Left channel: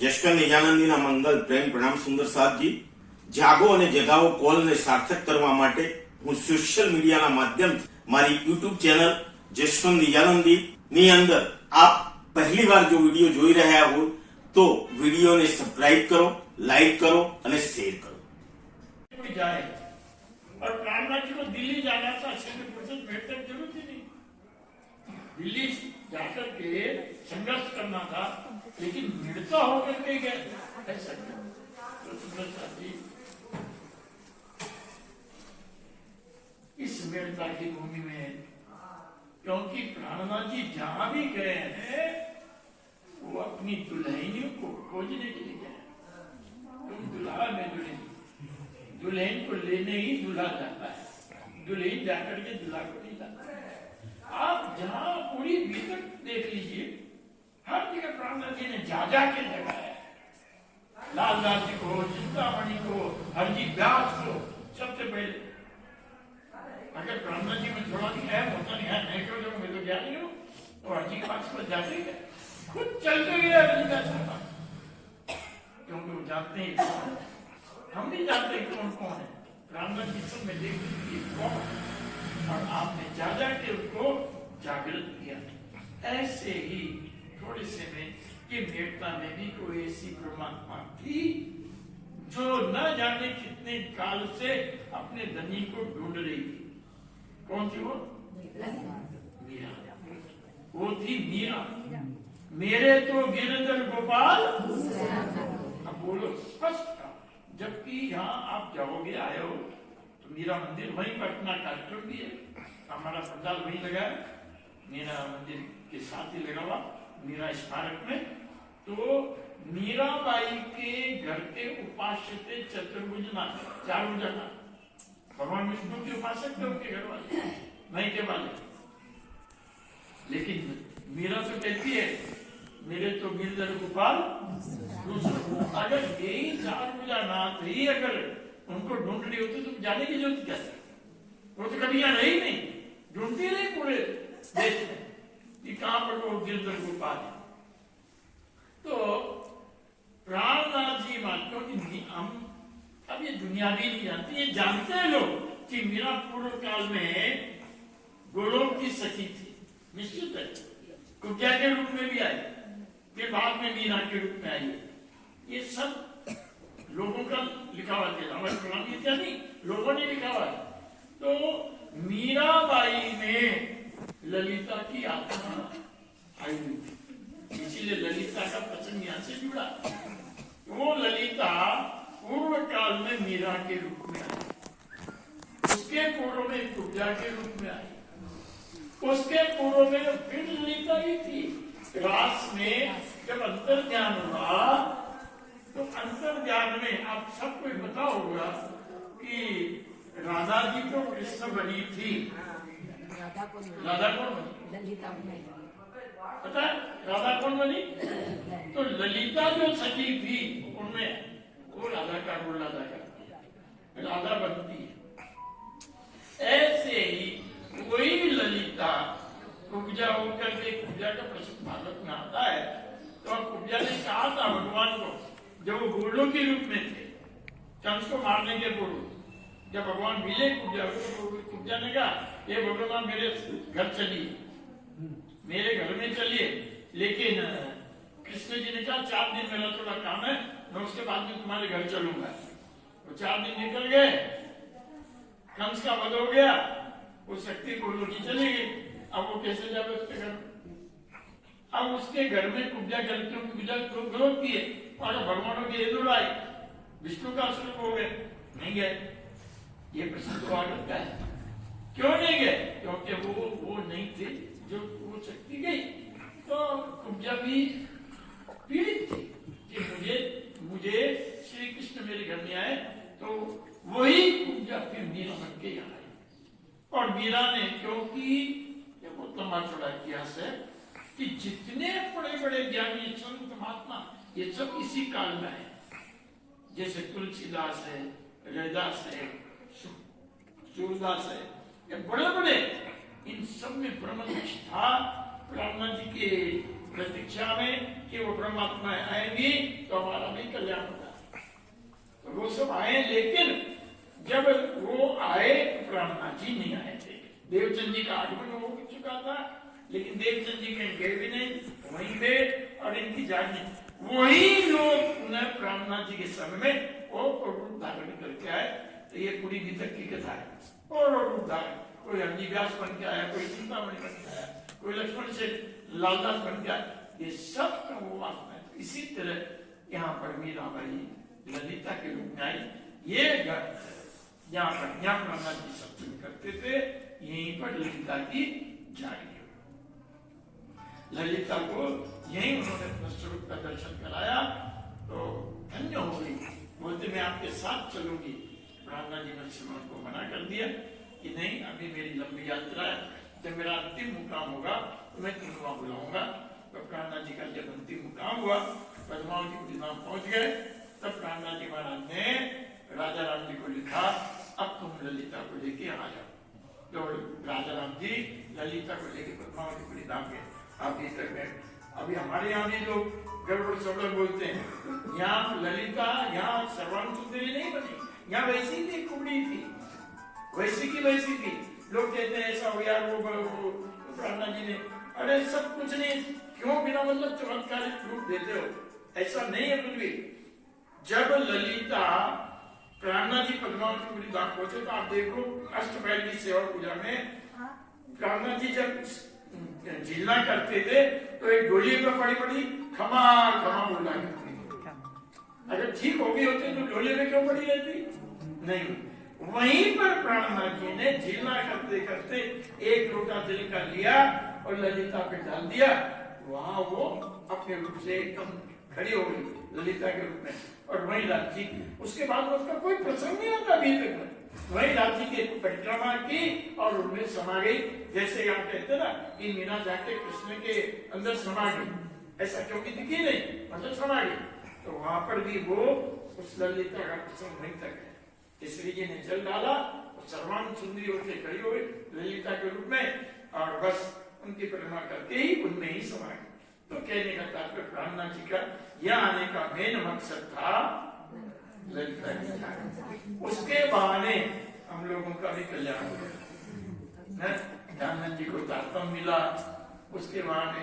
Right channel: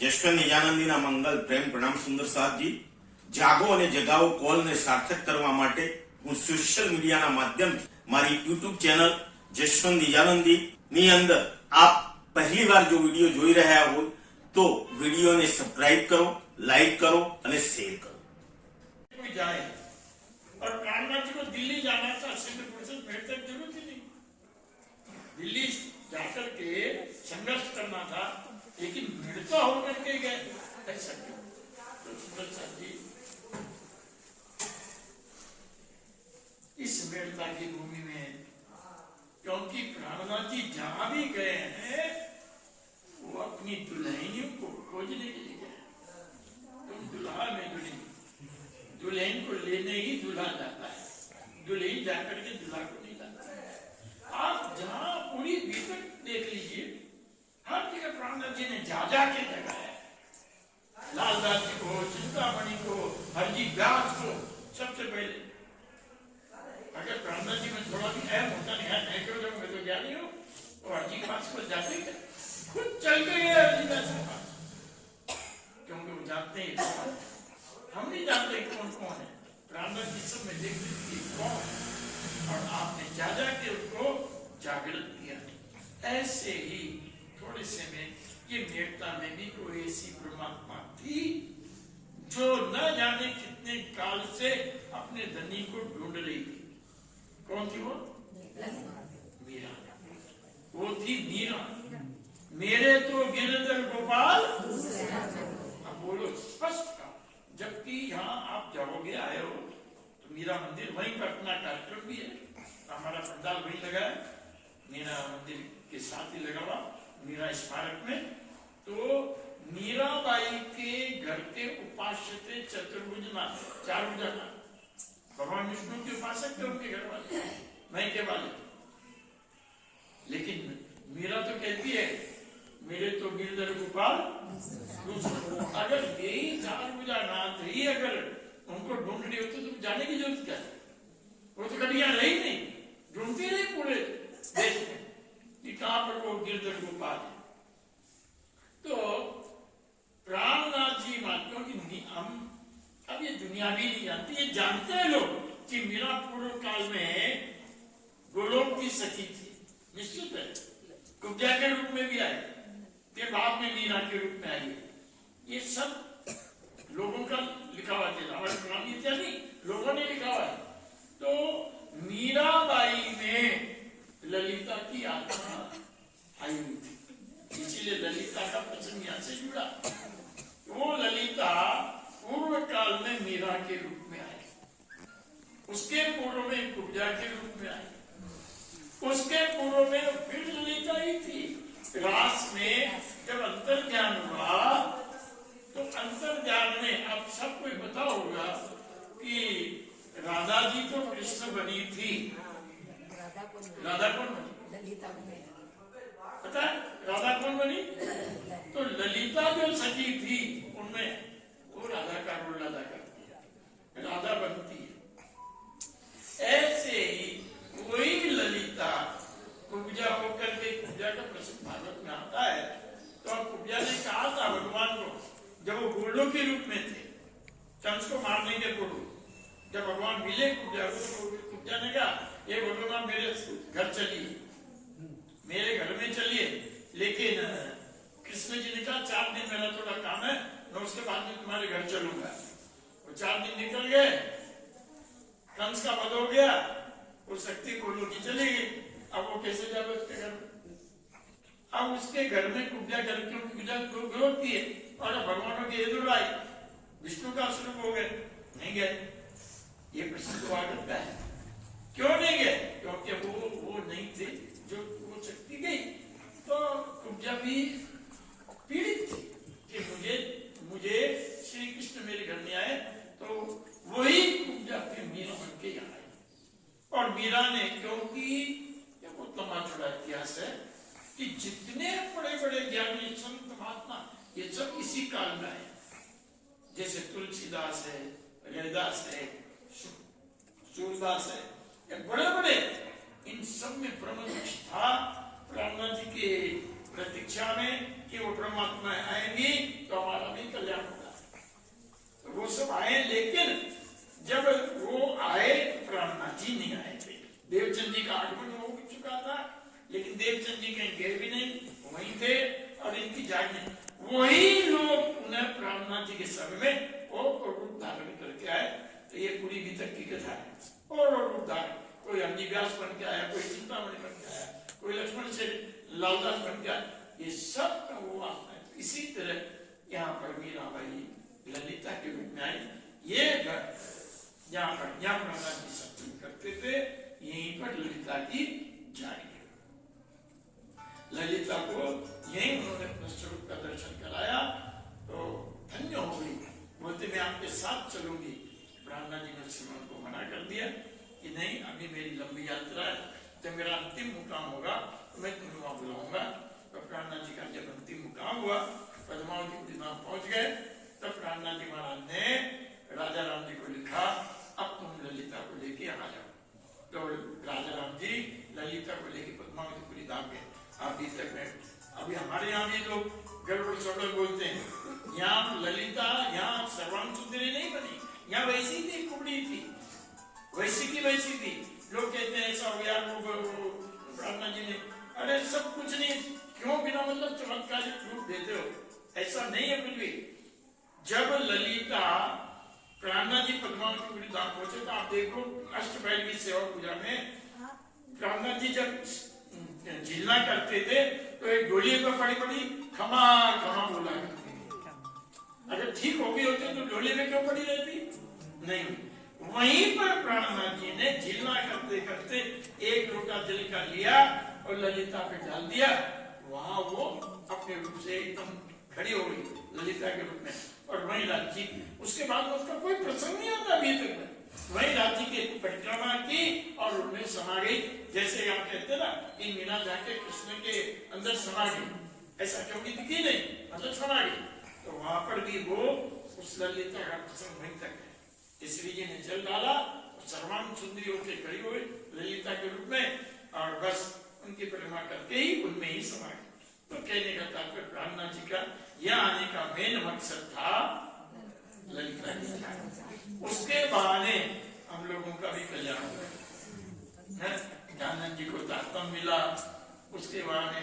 જશવંત નિજાનંદીના મંગલ પ્રેમ પ્રણામ સુંદર સાથજી। જાગો અને જગાવો કોલને સાર્થક કરવા માટે હું સોશિયલ મીડિયાના માધ્યમથી મારી યુટ્યુબ ચેનલ જશવંત નિજાનંદી ની અંદર આપ પહેલી વાર જો વિડીયો જોઈ રહ્યા हो तो વિડીયોને સબસ્ક્રાઇબ કરો, લાઈક કરો અને શેર કરો। जाए और प्राणनाथ जी को दिल्ली जाना था, सिंगल पर्सन भेंट तक जरूरत ही नहीं, दिल्ली जाकर के संघर्ष करना था, लेकिन मिलता होकर के गए। ऐसा क्यों? तो सुंदर साथ जी इस मिलता की भूमि में, क्योंकि प्राणनाथ जी जहां भी गए हैं वो अपनी दुल्हनियों को खोजने के लिए गए। तुम दुल्हा में दुल्हन, दुल्हन को लेने ही दूल्हा जाता है, दुल्हन जाकर के दूल्हा को नहीं जाता है। आप जहां पूरी भीतर देख लीजिए, हर जगह प्राणनाथ जी ने जा के जगाया है। लालदास जी को, चिंतामणि को, हरजी व्यास को, सबसे पहले अगर प्राणनाथ जी में थोड़ा भी ऐप होता नहीं है, मैं क्यों जाऊं, मैं तो जा रही हूँ, तो हरजी के पास पर जाते ही खुद चल के गए हरजी का पास, क्योंकि वो जानते हैं हम नहीं जानते कौन कौन है। प्राणनाथ जी सब में देख लीजिए कौन, और आपने जा के उसको जागृत किया। ऐसे ही थोड़े से में ये मेड़ता में भी कोई ऐसी परमात्मा थी जो न जाने कितने काल से अपने धनी को ढूंढ रही थी। कौन थी वो? मीरा। वो थी मीरा। मेरे तो गिरधर गोपाल, अब बोलो स्पष्ट, जबकि यहाँ आप जाओगे, आए हो तो मीरा मंदिर वहीं पर अपना कार्यक्रम भी है, हमारा पंडाल वहीं लगा है, मीरा मंदिर के साथ ही लगा हुआ मीरा स्मारक में। तो मीराबाई के घर के उपास्य थे चतुर्भुजनाथ, चार भुजनाथ, भगवान विष्णु के उपासक थे उनके घर वाले, मैं के वाले। लेकिन मीरा तो कहती है मेरे तो गिरधर गोपाल, अगर यही चार भुजनाथ ही अगर उनको ढूंढ रही होती तो जाने की जरूरत क्या है? वो तो कभी यहाँ रही नहीं, ढूंढती रही पूरे देश में कि कहां पर वो गिरधर गोपाल है। तो प्राणनाथ जी मानते हो कि हम अब ये दुनिया भी नहीं जानती, ये जानते हैं लोग कि मीरा पूर्व काल में गोलोक की सखी थी, निश्चित है, कुब्जा के रूप में भी आई, फिर बाद में मीरा के रूप में आई। ये सब लोगों का लिखा हुआ है, हमारे पुरानी इत्यादि लोगों ने लिखा हुआ है। तो मीराबाई में ललिता की आत्मा आई हुई थी, इसीलिए ललिता का प्रसंग यहाँ से जुड़ा। वो ललिता पूर्व काल में मीरा के रूप में आई, उसके पूर्व में कुब्जा के रूप में आई, उसके पूर्व में फिर ललिता ही थी। रास में जब अंतर्ज्ञान हुआ तो अंतर्ज्ञान में आप सबको पता होगा कि राधा जी तो कृष्ण बनी थी, राधा कौन बनी? पता है राधा कौन बनी? तो ललिता जो सखी थी उनमें वो राधा का रोल अदा करती है, राधा बनती है। ऐसे ही वही ललिता कुब्जा होकर के, कुब्जा का प्रसंग भागवत में आता है, तो कुब्जा ने कहा था भगवान को, जब वो गोलों के रूप में थे कंस को मारने के पूर्व, जब भगवान मिले कुब्जा को, कुब्जा ने कहा ये भगवान मेरे घर चलिए, मेरे घर में चलिए, लेकिन कृष्ण जी ने कहा 4 दिन मेरा थोड़ा काम है, मैं उसके बाद में तुम्हारे घर चलूंगा। तो 4 दिन निकल गए, कंस का वध हो गया, वो शक्ति गोलों की चली गई। अब वो कैसे जावे उसके घर में? अब उसके घर में कुब्जा घर क्यों विरोध किए और भगवानों की एदुर आई, विष्णु का स्वरूप हो गए, नहीं गए। ये प्रश्न तो आगत का है, क्यों नहीं गए? क्योंकि वो नहीं थे जो वो शक्ति गई। तो कुब्जा भी पीड़ित थी कि मुझे श्री कृष्ण मेरे घर में आए, तो वही कुब्जा फिर मीरा बन के यहाँ आई। और मीरा ने, क्योंकि ये बहुत लंबा चौड़ा इतिहास है कि जितने बड़े बड़े ज्ञानी संत महात्मा ये सब इसी काल में आए, जैसे तुलसीदास है, रविदास है, सूरदास है, ये बड़े बड़े, इन सब में ब्रह्म निष्ठा प्राणनाथ जी के प्रतीक्षा में कि वो परमात्मा आएंगी तो हमारा भी कल्याण होगा। तो वो सब आए, लेकिन जब वो आए तो ब्रह्मनाथ जी नहीं आए थे। देवचंद जी का आगमन हो चुका था, लेकिन देवचंद जी कहीं गए भी नहीं, वहीं थे और इनकी जागनी वही लोग उन्हें ब्रह्मनाथ जी के समय में वो रूप धारण करके आए। तो ये पूरी गीता की कथा है। और रूप धारण, कोई हरिव्यास बन के आया, कोई चिंतामणि बन के आया, कोई लक्ष्मण से लालदास बन गया, ये सब वो वासना है। तो इसी तरह यहाँ पर मीराबाई ललिता के रूप में आई। ये घर जहाँ पर यहाँ ब्रह्मनाथ जी सत्संग करते थे, यहीं पर ललिता की जारी है। ललिता को यही उन्होंने अपने स्वरूप का दर्शन कराया तो धन्य हो गई। बोलते मैं आपके साथ चलूंगी। ब्रह्मनाथ जी ने श्रीमान को मना कर दिया कि नहीं, अभी मेरी लंबी यात्रा है, जब मेरा अंतिम मुकाम होगा तो मैं तुम्हें बुलाऊंगा। तो ब्रह्मनाथ जी का जब अंतिम मुकाम हुआ, पद्मावती धाम पहुंच गए, तब ब्रह्मनाथ जी महाराज ने राजा राम जी को लिखा, अब तुम ललिता को लेके आ जाओ। तो राजा राम जी ललिता को लेके पद्मावती धाम गए। अभी तक है, अभी हमारे यहाँ भी लोग गड़बड़ सड़बड़ बोलते हैं, यहाँ ललिता यहाँ सर्वांग सुंदरी नहीं बनी, यहाँ वैसी थी, कुबड़ी थी, वैसी की वैसी थी। लोग कहते हैं ऐसा हो गया, वो ब्रह्मनाथ जी ने, अरे सब कुछ नहीं, क्यों बिना मतलब चमत्कारिक रूप देते हो? ऐसा नहीं है कुछ भी। जब ललिता ब्रह्मनाथ जी पद्मावती धाम पहुंचे तो आप देखो अष्टपहर की सेवा पूजा में ब्रह्मनाथ जी जब झीलना करते थे तो एक डोली पर पड़ी पड़ी खमा खमा बोला करती थी। अगर ठीक हो गई होती तो डोली में क्यों पड़ी रहती? नहीं। वहीं पर ब्रह्मनाथ जी ने झीलना करते करते एक लोटा जल का लिया और ललिता पे डाल दिया। वहां वो अपने रूप से एकदम खड़ी हो गई ललिता के रूप में, और वही राज्य। उसके बाद उसका कोई प्रसंग नहीं आता अभी तक में। वही राज्य की परिक्रमा की और उनमें समा गई। जैसे यहाँ कहते ना कि मीना जाके कृष्ण के अंदर समा गई, ऐसा क्योंकि दिखी नहीं, मतलब समा गई। तो वहां पर भी वो उस ललिता का प्रसंग वहीं तक है। इसलिए जी ने जल डाला और सर्वांग सुंदरी होकर खड़ी हो गई ललिता के रूप में, और बस उनकी परिक्रमा करके ही उनमें ही समा गई। तो कहने का तात्पर्य ब्रह्मनाथ जी का यह आने का मेन मकसद था ललिता जी। उसके बहाने हम लोगों का भी कल्याण हो गया। दयानंद जी को तात्पर्य मिला, उसके बहाने